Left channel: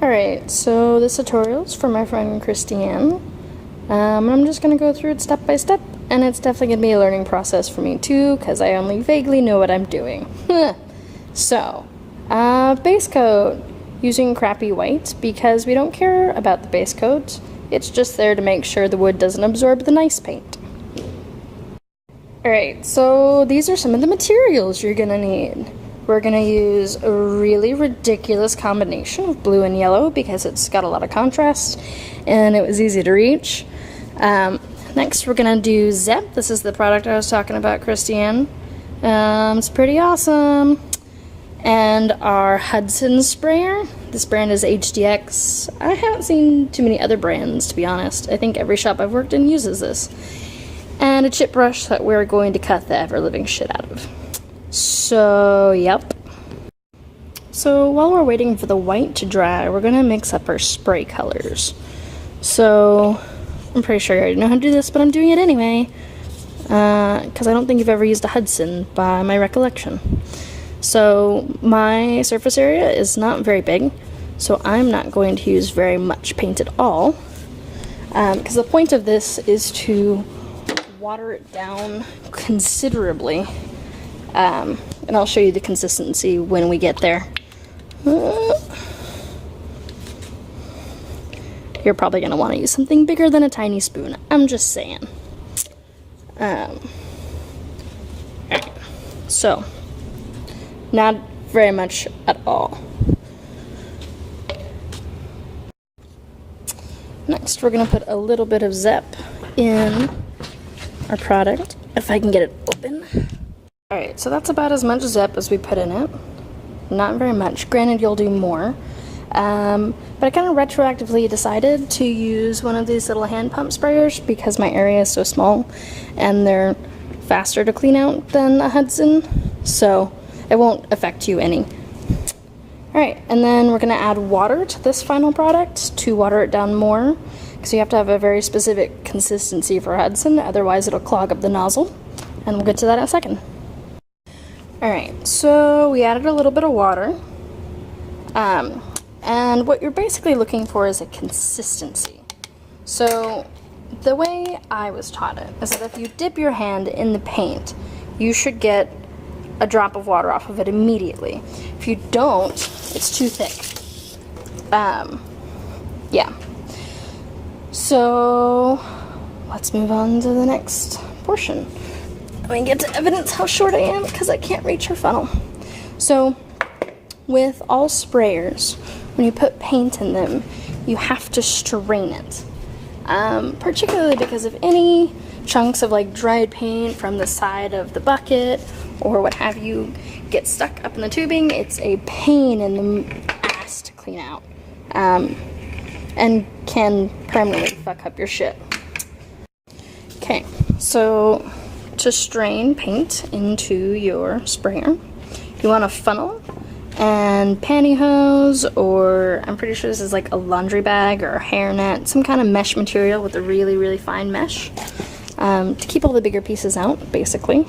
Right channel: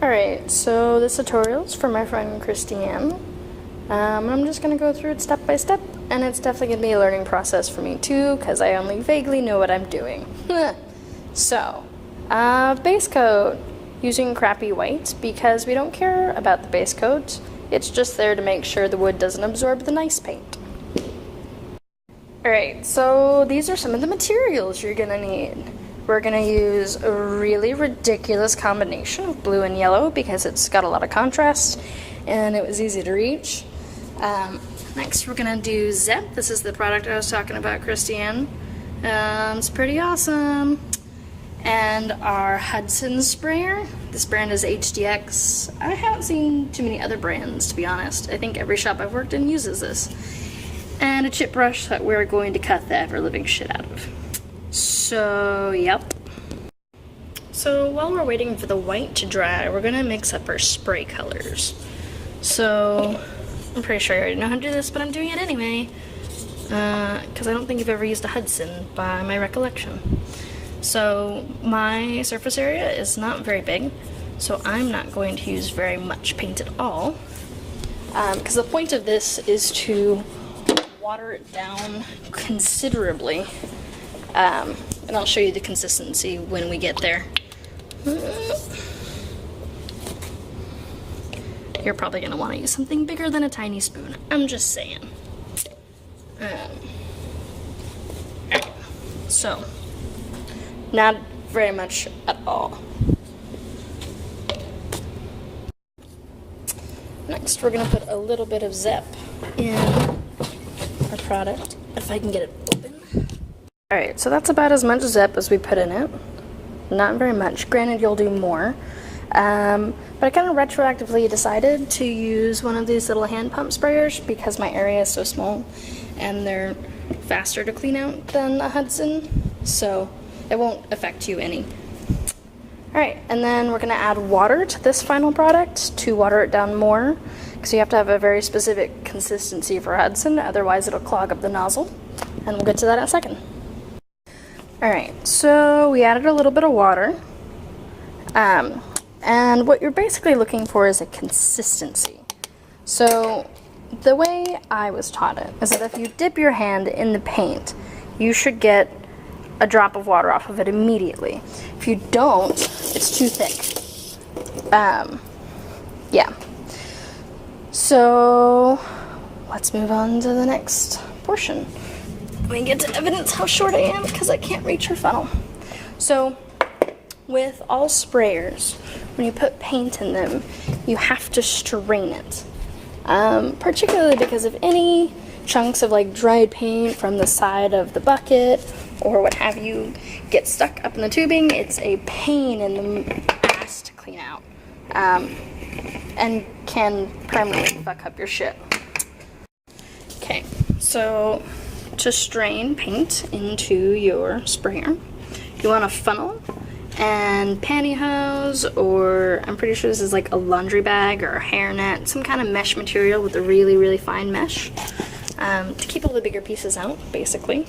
Alright, so this tutorial is from my friend Christiane. I'm just going to go through it step by step, and it's definitely going to be a learning process for me too, because I only vaguely know what I'm doing. So, base coat, using crappy white, because we don't care about the base coat. It's just there to make sure the wood doesn't absorb the nice paint. Alright, so these are some of the materials you're going to need. We're going to use a really ridiculous combination of blue and yellow because it's got a lot of contrast and it was easy to reach. Next we're going to do Zep. This is the product I was talking about, Christiane. It's pretty awesome. And our Hudson sprayer. This brand is HDX. I haven't seen too many other brands, to be honest. I think every shop I've worked in uses this. And a chip brush that we're going to cut the ever-living shit out of. So, yep. So, while we're waiting for the white to dry, we're going to mix up our spray colors. So, I'm pretty sure you already know how to do this, but I'm doing it anyway. Because I don't think you've ever used a Hudson, by my recollection. So, my surface area is not very big, so I'm not going to use very much paint at all. Because the point of this is to water it down considerably. And I'll show you the consistency when we get there. You're probably going to want to use something bigger than a tiny spoon. I'm just saying. So, not very much at all. Next, we're going to put a little bit of Zep in our product, if I can get it open. Alright, so that's about as much Zep as we put in it. Not very much. Granted, you'll do more. But I kind of retroactively decided to use one of these little hand pump sprayers because my area is so small and they're faster to clean out than a Hudson, so it won't affect you any. Alright, and then we're going to add water to this final product to water it down more, because you have to have a very specific consistency for Hudson, otherwise it'll clog up the nozzle, and we'll get to that in a second. Alright, so we added a little bit of water, and what you're basically looking for is a consistency. So, the way I was taught it is that if you dip your hand in the paint, you should get a drop of water off of it immediately. If you don't, it's too thick. Yeah. So, let's move on to the next portion. We get to evidence how short I am because I can't reach her funnel. So, with all sprayers, when you put paint in them, you have to strain it. Particularly because if any chunks of like dried paint from the side of the bucket or what have you get stuck up in the tubing, it's a pain in the ass to clean out. And can permanently fuck up your shit. Okay, so to strain paint into your sprayer, you want a funnel and pantyhose, or I'm pretty sure this is like a laundry bag or a hairnet, some kind of mesh material with a really, really fine mesh to keep all the bigger pieces out, basically.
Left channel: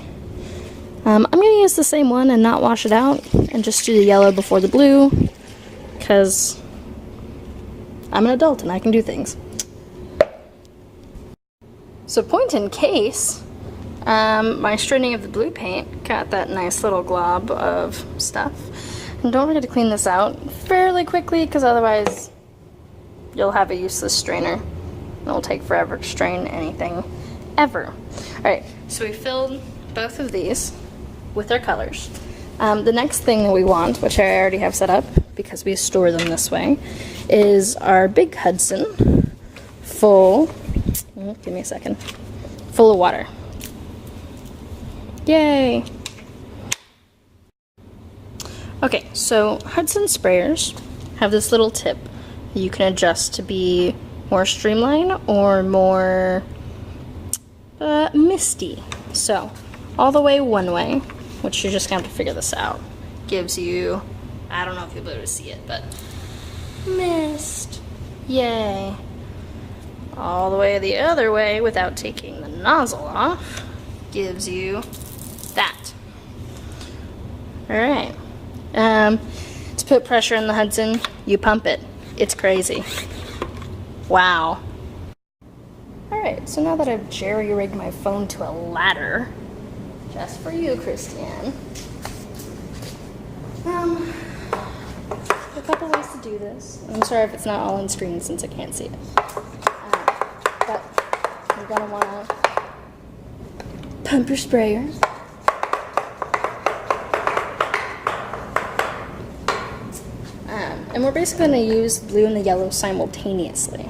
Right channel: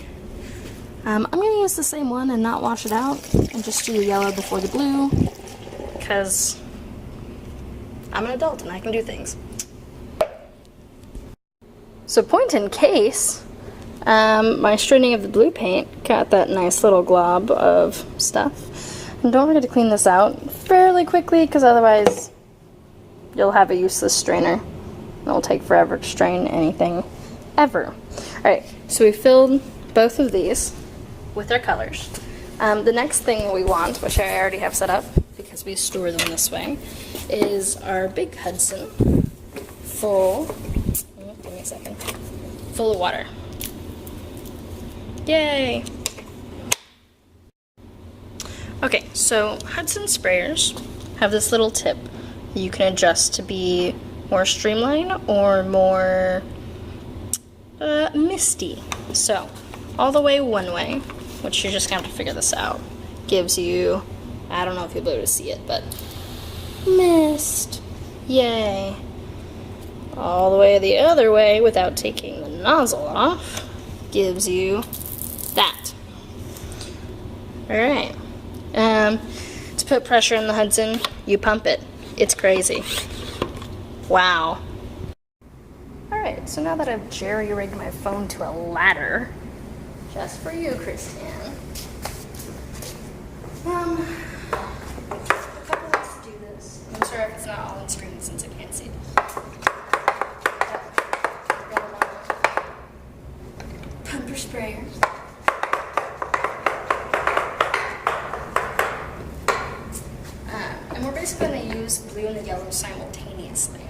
I'm going to use the same one and not wash it out and just do the yellow before the blue because I'm an adult and I can do things. So point in case, my straining of the blue paint got that nice little glob of stuff. And don't forget to clean this out fairly quickly because otherwise you'll have a useless strainer. It'll take forever to strain anything ever. Alright, so we filled both of these with our colors. The next thing we want, which I already have set up because we store them this way, is our big Hudson full, give me a second, full of water. Yay! Okay, so Hudson sprayers have this little tip that you can adjust to be more streamlined or more misty. So, all the way one way, which you're just going to have to figure this out, gives you, I don't know if you'll be able to see it, but mist. Yay. All the way the other way without taking the nozzle off gives you that. Alright. To put pressure in the Hudson, you pump it. It's crazy. Wow. Alright, so now that I've jerry-rigged my phone to a ladder, just for you, Christiane. A couple ways to do this. I'm sorry if it's not all on screen since I can't see it. But you're gonna wanna pump your sprayer. And we're basically going to use blue and the yellow simultaneously.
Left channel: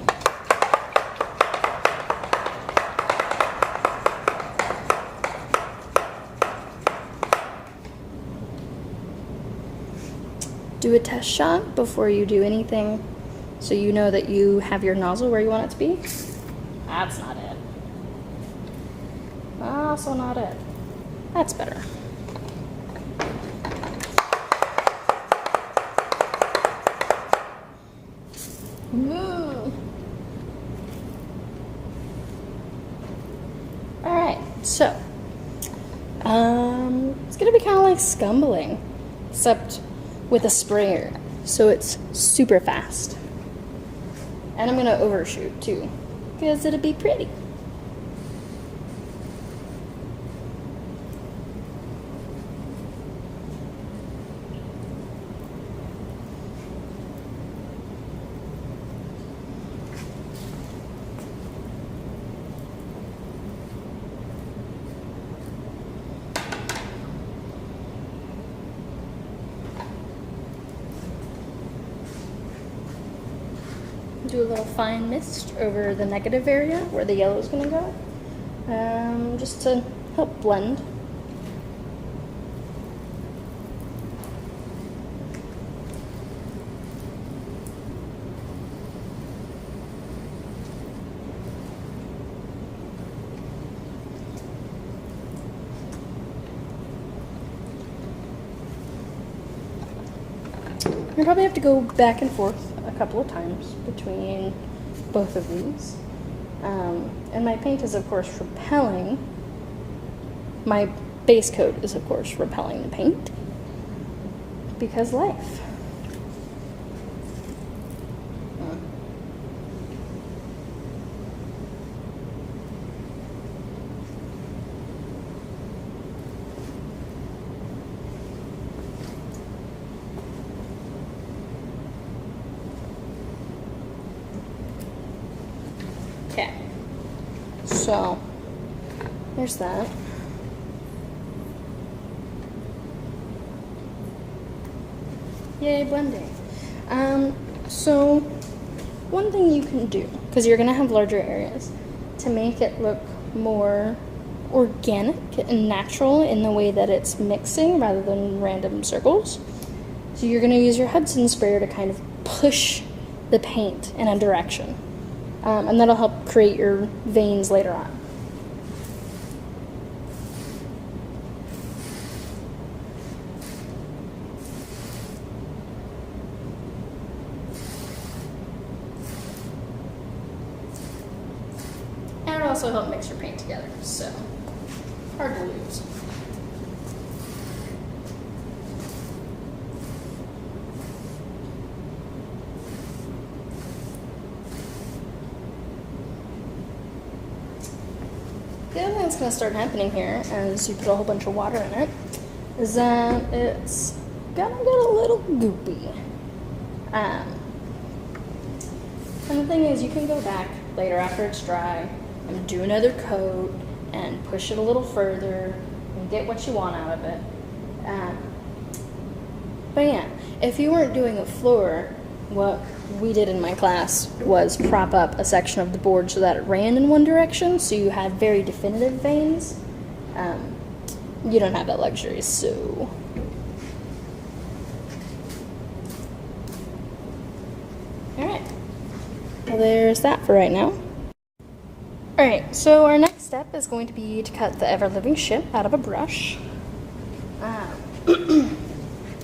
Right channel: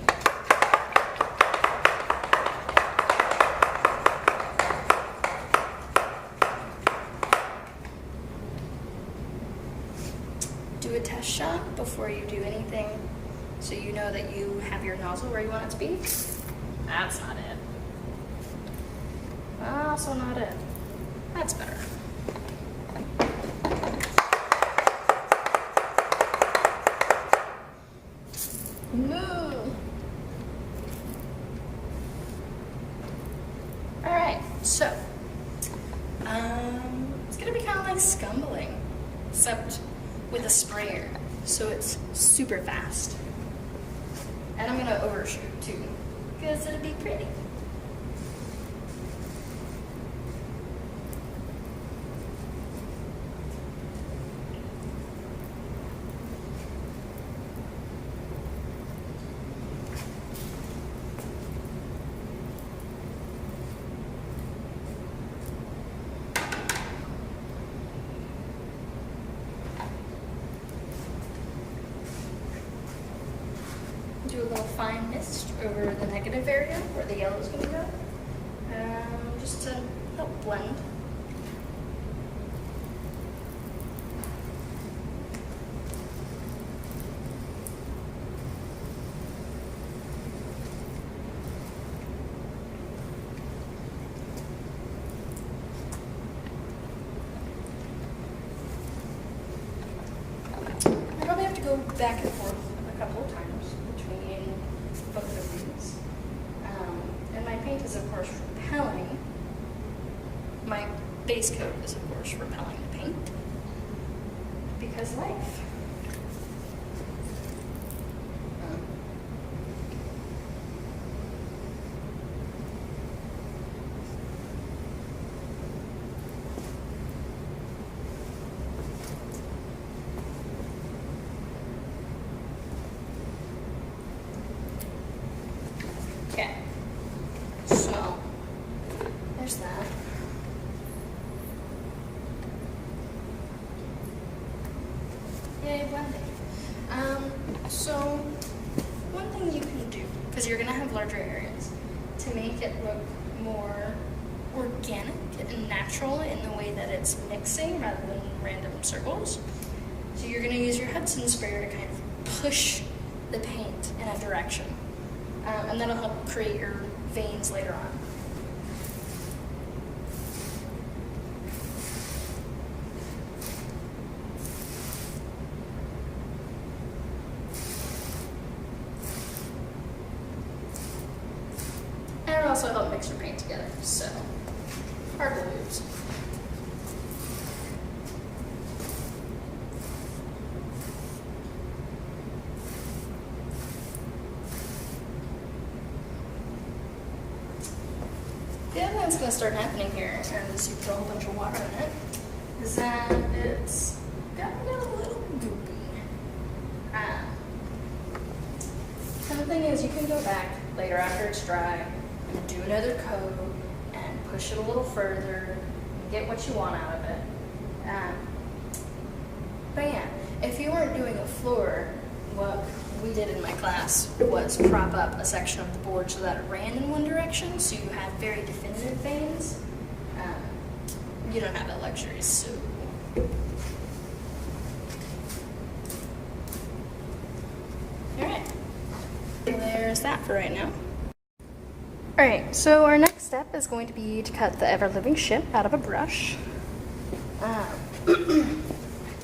Do a test shot before you do anything so you know that you have your nozzle where you want it to be. That's not it. Also not it. That's better. Alright, so it's gonna be kind of like scumbling, except with a sprayer, so it's super fast. And I'm gonna overshoot too, because it'll be pretty. Do a little fine mist over the negative area where the yellow is going to go, just to help blend. You probably have to go back and forth a couple of times between both of these. And my paint is, of course, repelling. My base coat is, of course, repelling the paint. Because life. Okay, so here's that. Yay, blending. So one thing you can do, because you're gonna have larger areas, to make it look more organic and natural in the way that it's mixing rather than random circles. So you're gonna use your Hudson sprayer to kind of push the paint in a direction. And that'll help create your veins later on. And it'll also help mix your paint together, so hard to lose. The other thing that's going to start happening here, as you put a whole bunch of water in it, is that it's going to get a little goopy. And the thing is, you can go back later after it's dry and do another coat and push it a little further and get what you want out of it. But yeah, if you weren't doing a floor, what we did in my class was prop up a section of the board so that it ran in one direction, so you had very definitive veins. You don't have that luxury, so... Alright, well, there's that for right now. Alright, so our next step is going to be to cut the ever-living ship out of a brush.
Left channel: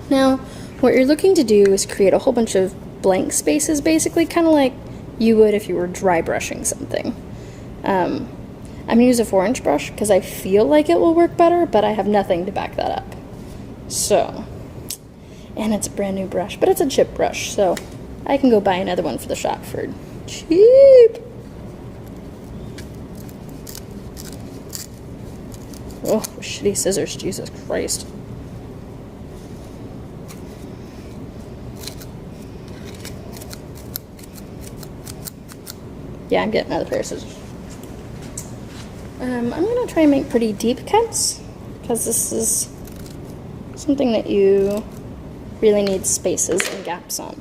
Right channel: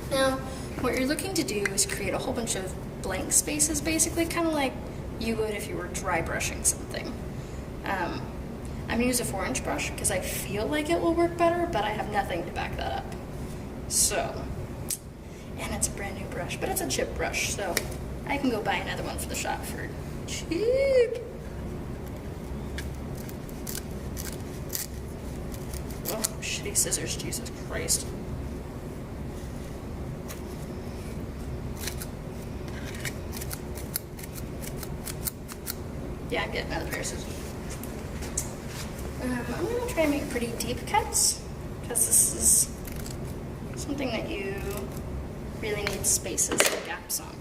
Now, what you're looking to do is create a whole bunch of blank spaces, basically, kind of like you would if you were dry brushing something. I'm going to use a 4-inch brush because I feel like it will work better, but I have nothing to back that up. So, and it's a brand new brush, but it's a chip brush, so I can go buy another one for the shop for cheap. Oh, shitty scissors, Jesus Christ. Yeah, I'm getting another pair of scissors. I'm gonna try and make pretty deep cuts, because this is something that you really need spaces and gaps on.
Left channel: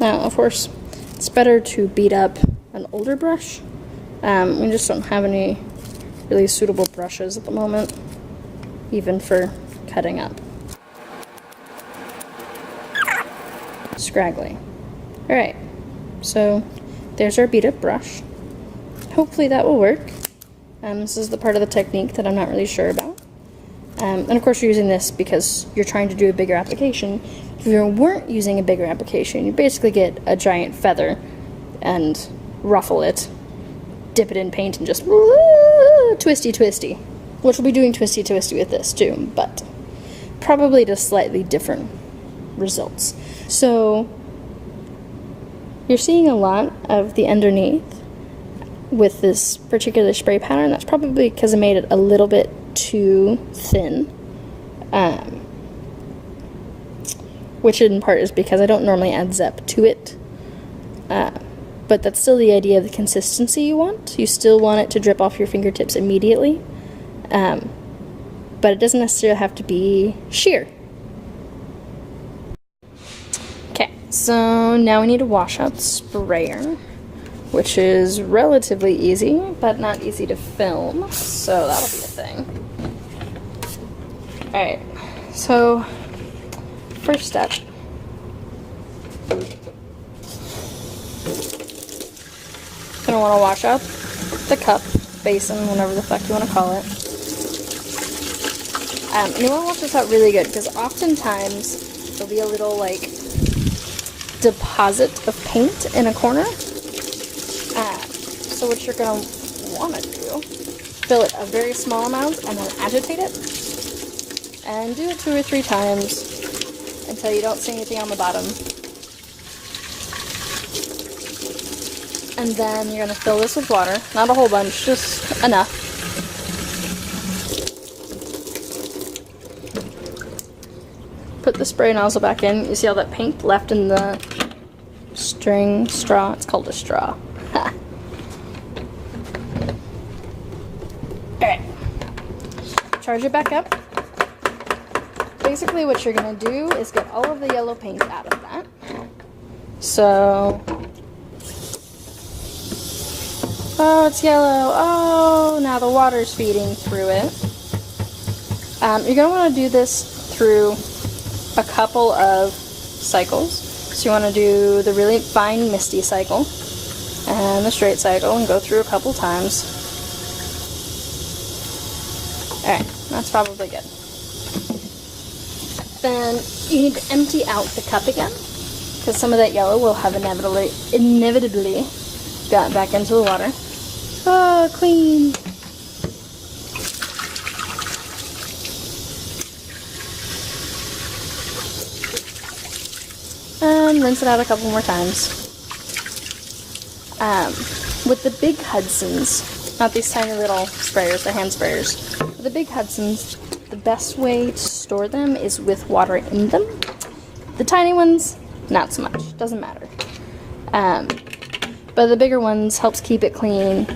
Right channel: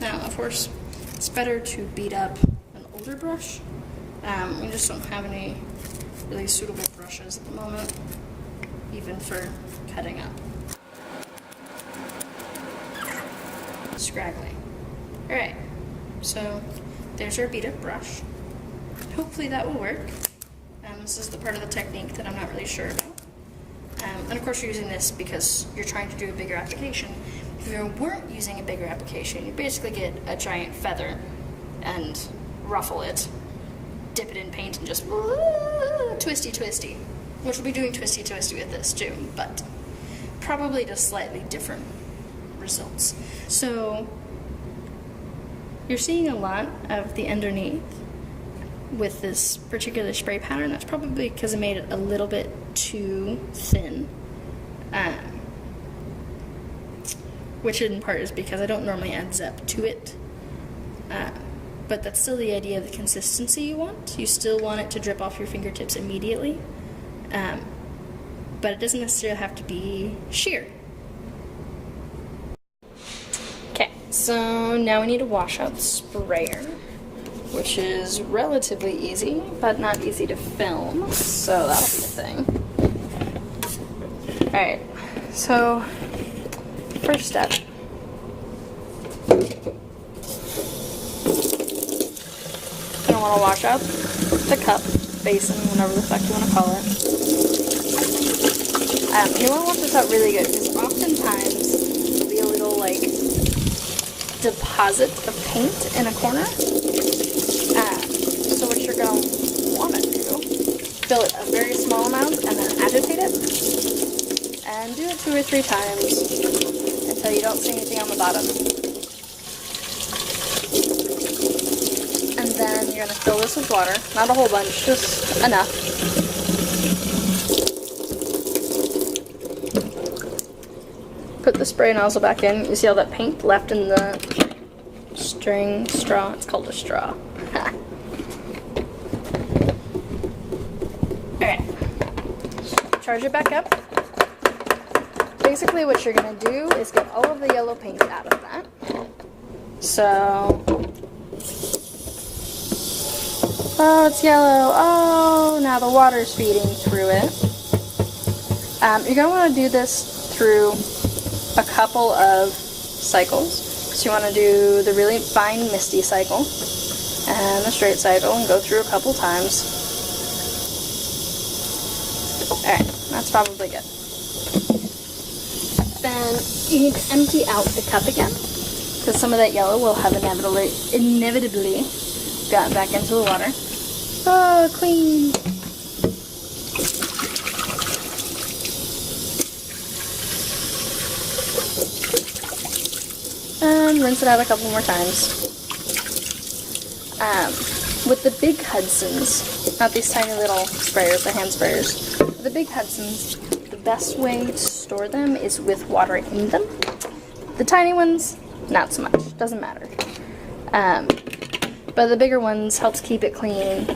Now, of course, it's better to beat up an older brush. We just don't have any really suitable brushes at the moment, even for cutting up. Scraggly. Alright, so there's our beat up brush. Hopefully that will work. This is the part of the technique that I'm not really sure about. And of course you're using this because you're trying to do a bigger application. If you weren't using a bigger application, you basically get a giant feather and ruffle it, dip it in paint, and just twisty twisty. Which we'll be doing twisty twisty with this too, but probably just slightly different results. So you're seeing a lot of the underneath with this particular spray pattern. That's probably because I made it a little bit too thin. Which in part is because I don't normally add Zep to it. But that's still the idea of the consistency you want. You still want it to drip off your fingertips immediately. But it doesn't necessarily have to be sheer. Okay, so now we need to wash out the sprayer, which is relatively easy, but not easy to film, so that'll be a thing. Alright, so first step. You're going to want to wash up the cup, basin, whatever the fuck you want to call it. And you want to wash this out really good, because oftentimes there'll be a little, like, deposit of paint in a corner. So what you're going to want to do, fill it a very small amount and then agitate it. And do it 2 or 3 times until you don't see anything on the bottom. And then you're going to fill this with water. Not a whole bunch, just enough. Put the spray nozzle back in. You see all that paint left in the straw? It's called a straw. Alright. Charge it back up. Basically what you're going to do is get all of the yellow paint out of that. So, oh, it's yellow. Oh, now the water's feeding through it. You're going to want to do this through a couple of cycles. So you want to do the really fine misty cycle and the straight cycle and go through a couple times. Alright, that's probably good. Then you need to empty out the cup again, because some of that yellow will have inevitably gotten back into the water. Oh, clean! And rinse it out a couple more times. With the big Hudsons, not these tiny little sprayers, the hand sprayers, with the big Hudsons, the best way to store them is with water in them. The tiny ones, not so much. Doesn't matter. But the bigger ones helps keep it clean.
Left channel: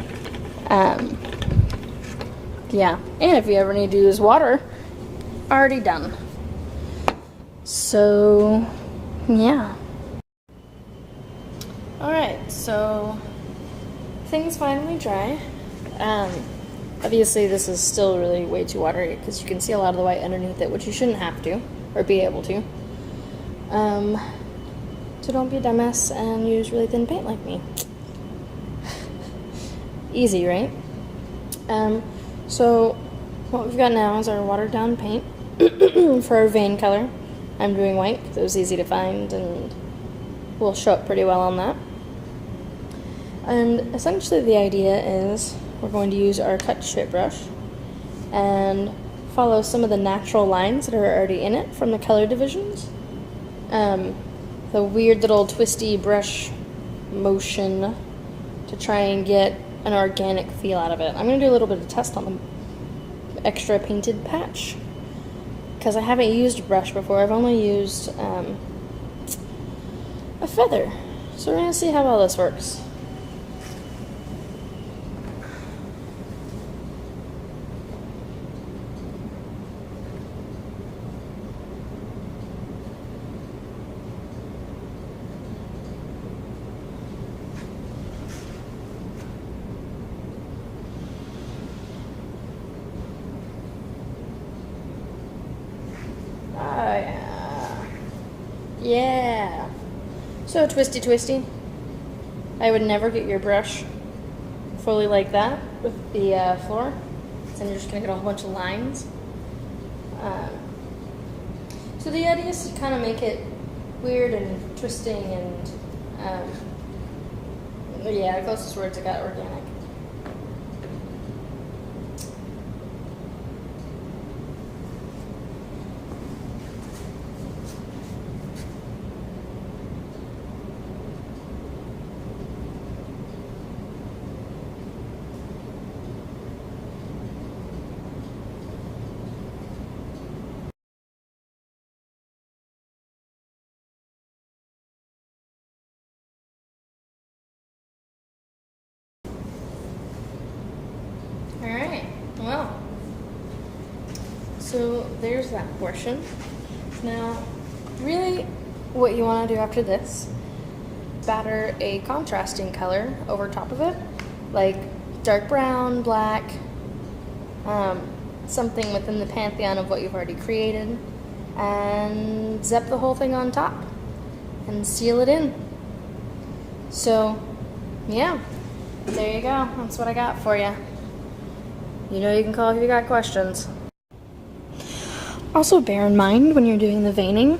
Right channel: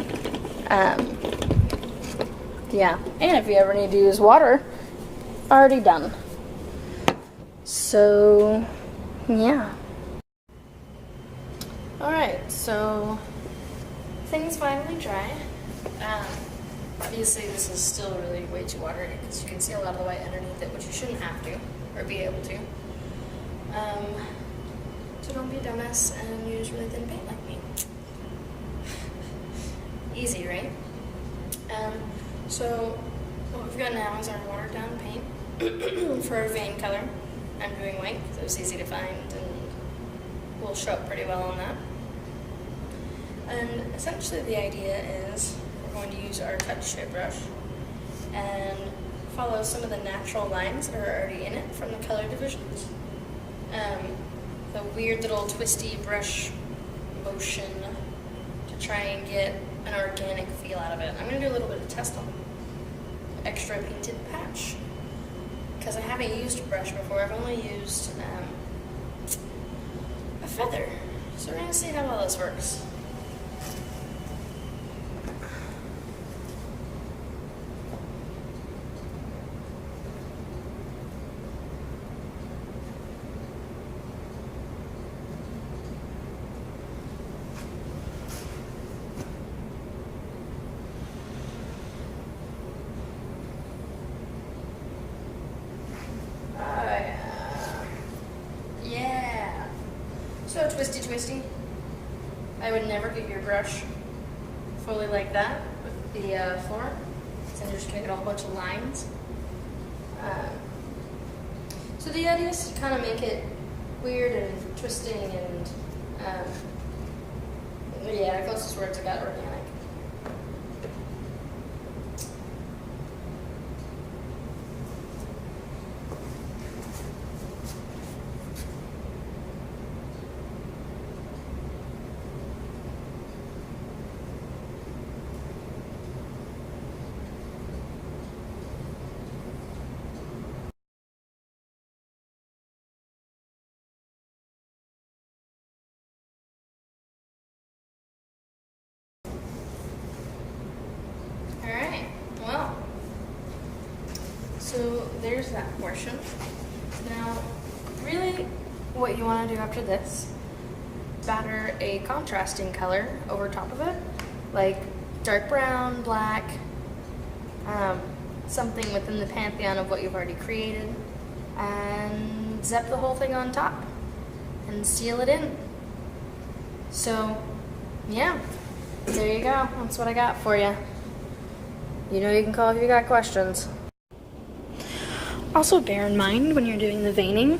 Yeah. And if you ever need to use water, already done. So, yeah. Alright, so things finally dry. Obviously this is still really way too watery because you can see a lot of the white underneath it, which you shouldn't have to, or be able to. So don't be a dumbass and use really thin paint like me. Easy, right? So what we've got now is our watered down paint for our vein color. I'm doing white because it was easy to find and will show up pretty well on that. And essentially the idea is we're going to use our cut shape brush and follow some of the natural lines that are already in it from the color divisions. The weird little twisty brush motion to try and get an organic feel out of it. I'm going to do a little bit of test on the extra painted patch because I haven't used a brush before. I've only used a feather. So we're going to see how well this works. Yeah. So twisty. I would never get your brush fully like that with the floor. So you're just going to get a whole bunch of lines. So the idea is to kind of make it weird and twisting and yeah, the closest words I got organic. Alright, well, so there's that portion. Now, really what you want to do after this, batter a contrasting color over top of it, like dark brown, black, something within the pantheon of what you've already created, and zap the whole thing on top and seal it in. So, yeah, there you go. That's what I got for you. You know you can call if you got questions. Also bear in mind when you're doing the veining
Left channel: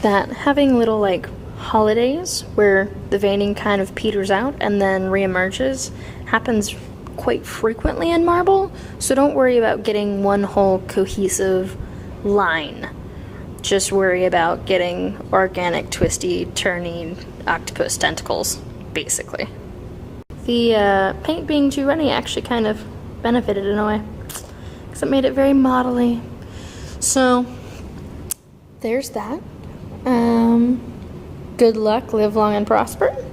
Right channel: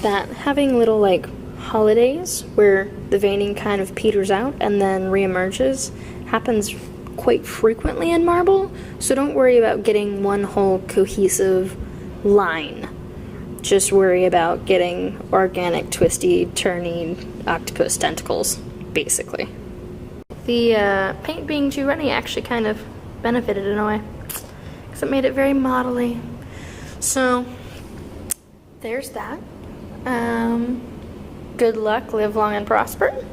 that having little like holidays where the veining kind of peters out and then reemerges happens quite frequently in marble, so don't worry about getting one whole cohesive line. Just worry about getting organic, twisty, turny octopus tentacles, basically. The paint being too runny actually kind of benefited in a way, because it made it very modelly. So, there's that. Good luck, live long and prosper.